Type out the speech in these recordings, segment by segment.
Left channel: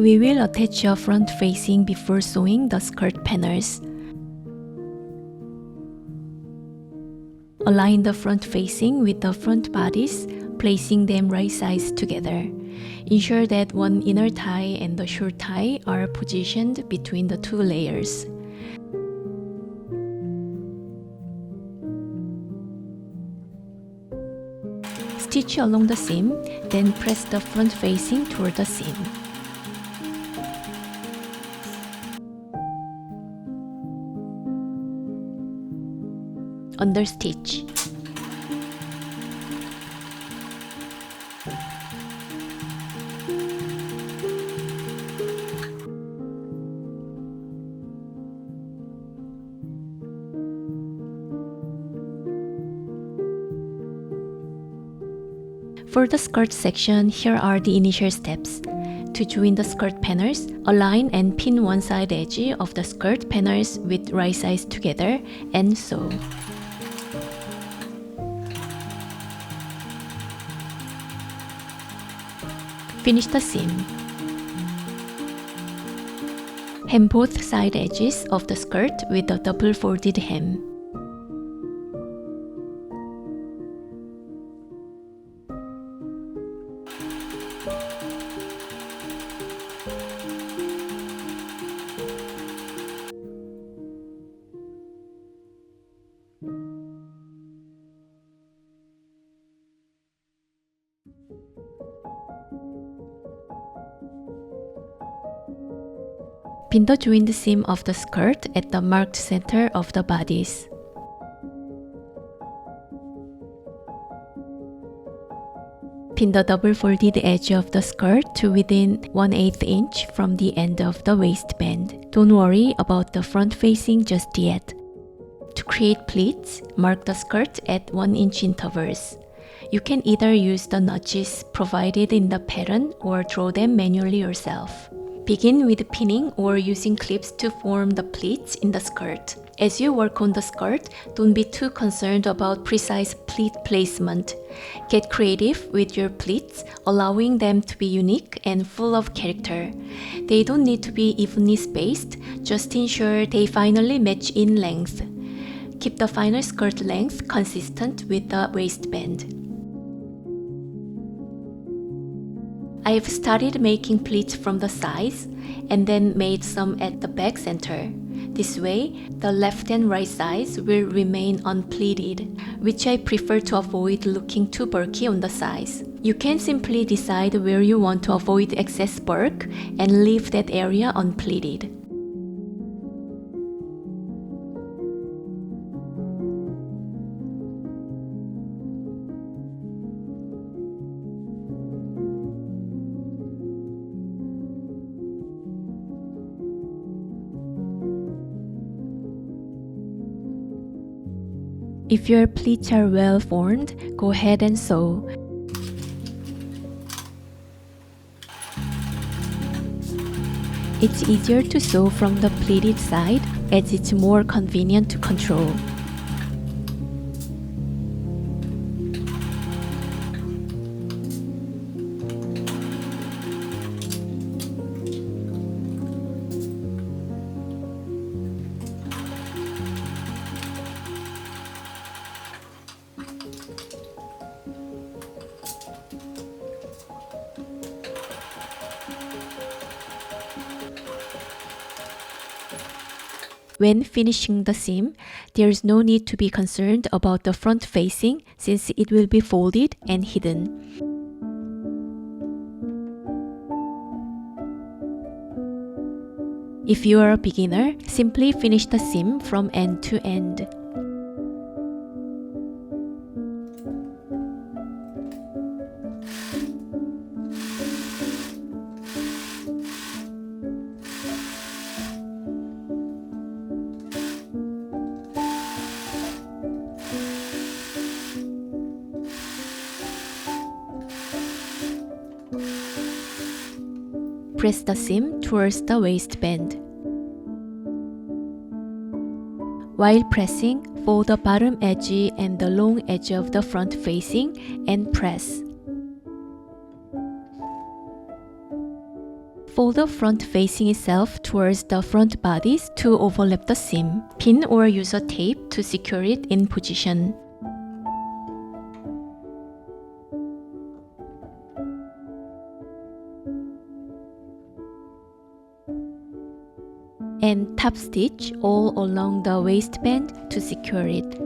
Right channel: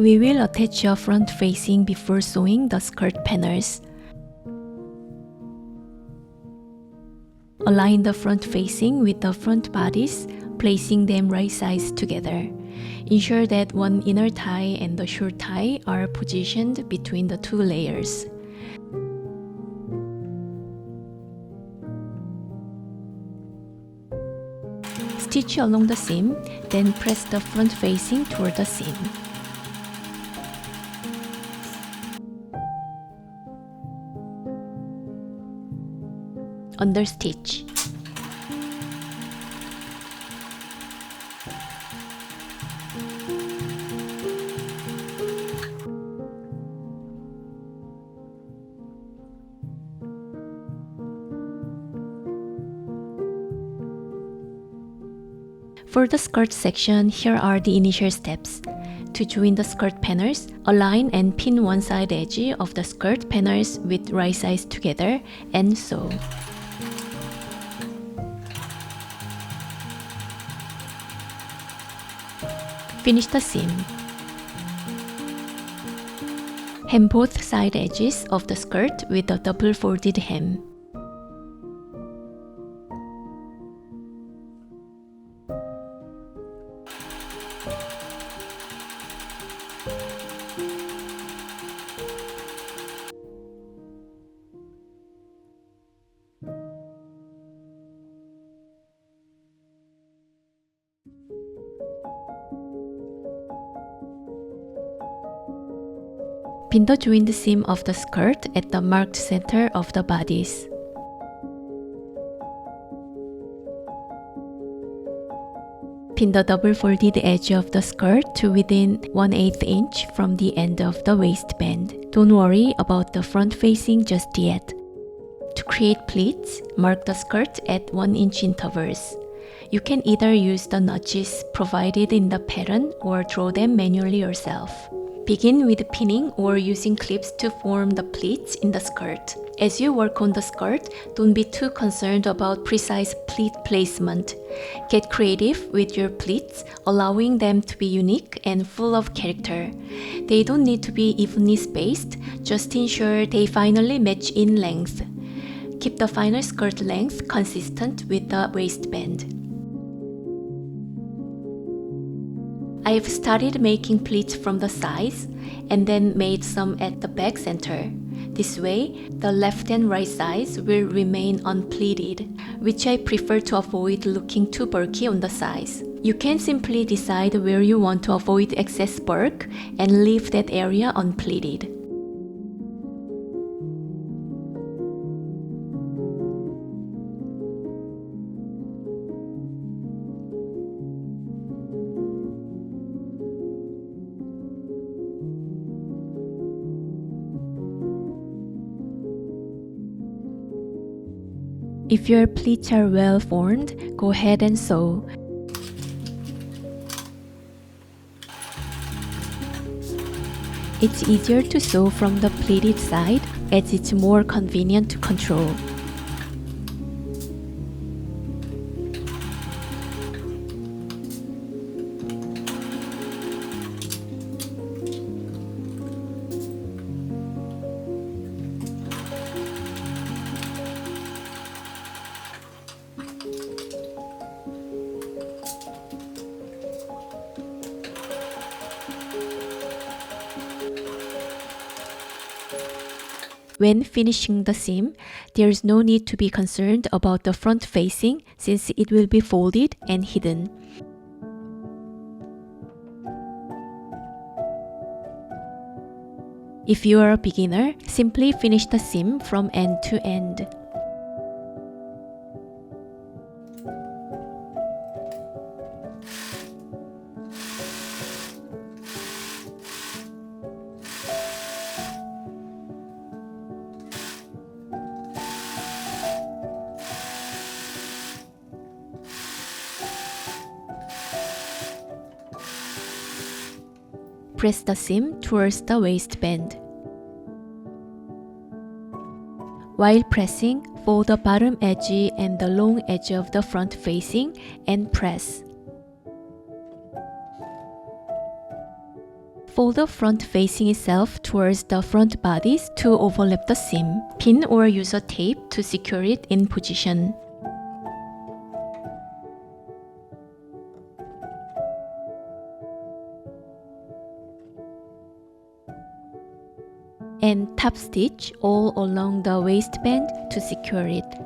We will attach a front facing before sewing the skirt panels. Align the front facing with the front bodice, placing them right sides together. Ensure that one inner tie and the short tie are positioned between the two layers. Stitch along the seam, then press the front facing toward the seam. Understitch. For the skirt section, here are the initial steps. To join the skirt panels, align and pin one side edge of the skirt panels with right sides together and sew. Finish the seam. Hem both side edges of the skirt with a double folded hem. Pin the joined seam of the skirt at the marked center of the bodice. Pin the double folded edge of the skirt to within 1/8 inch from the end of the waistband. Don't worry about the front facing just yet. To create pleats, mark the skirt at 1 inch intervals. You can either use the notches provided in the pattern or draw them manually yourself. Begin with pinning or using clips to form the pleats in the skirt. As you work on the skirt, don't be too concerned about precise pleat placement. Get creative with your pleats, allowing them to be unique and full of character. They don't need to be evenly spaced, just ensure they finally match in length. Keep the final skirt length consistent with the waistband. I've started making pleats from the sides and then made some at the back center. This way, the left and right sides will remain unpleated, which I prefer to avoid looking too bulky on the sides. You can simply decide where you want to avoid excess bulk and leave that area unpleated. If your pleats are well formed, go ahead and sew. It's easier to sew from the pleated side as it's more convenient to control. When finishing the seam, there is no need to be concerned about the front facing since it will be folded and hidden. If you are a beginner, simply finish the seam from end to end. Press the seam towards the waistband. While pressing, fold the bottom edge and the long edge of the front facing and press. Fold the front facing itself towards the front bodies to overlap the seam. Pin or use a tape to secure it in position. And top stitch all along the waistband to secure it.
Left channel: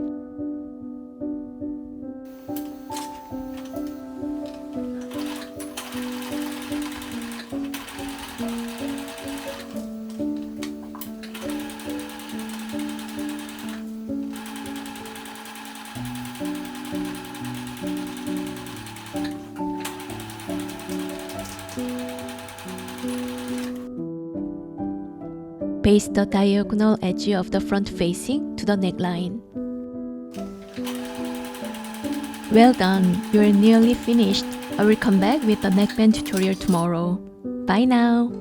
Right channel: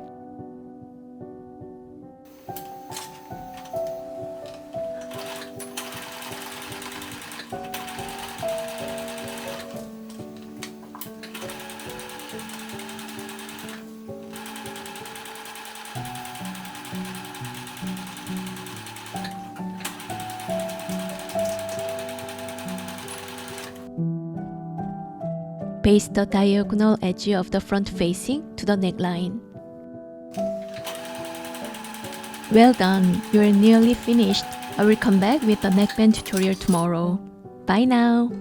Paste the diagonal edge of the front facing to the neckline. Well done, you're nearly finished. I will come back with the neckband tutorial tomorrow. Bye now!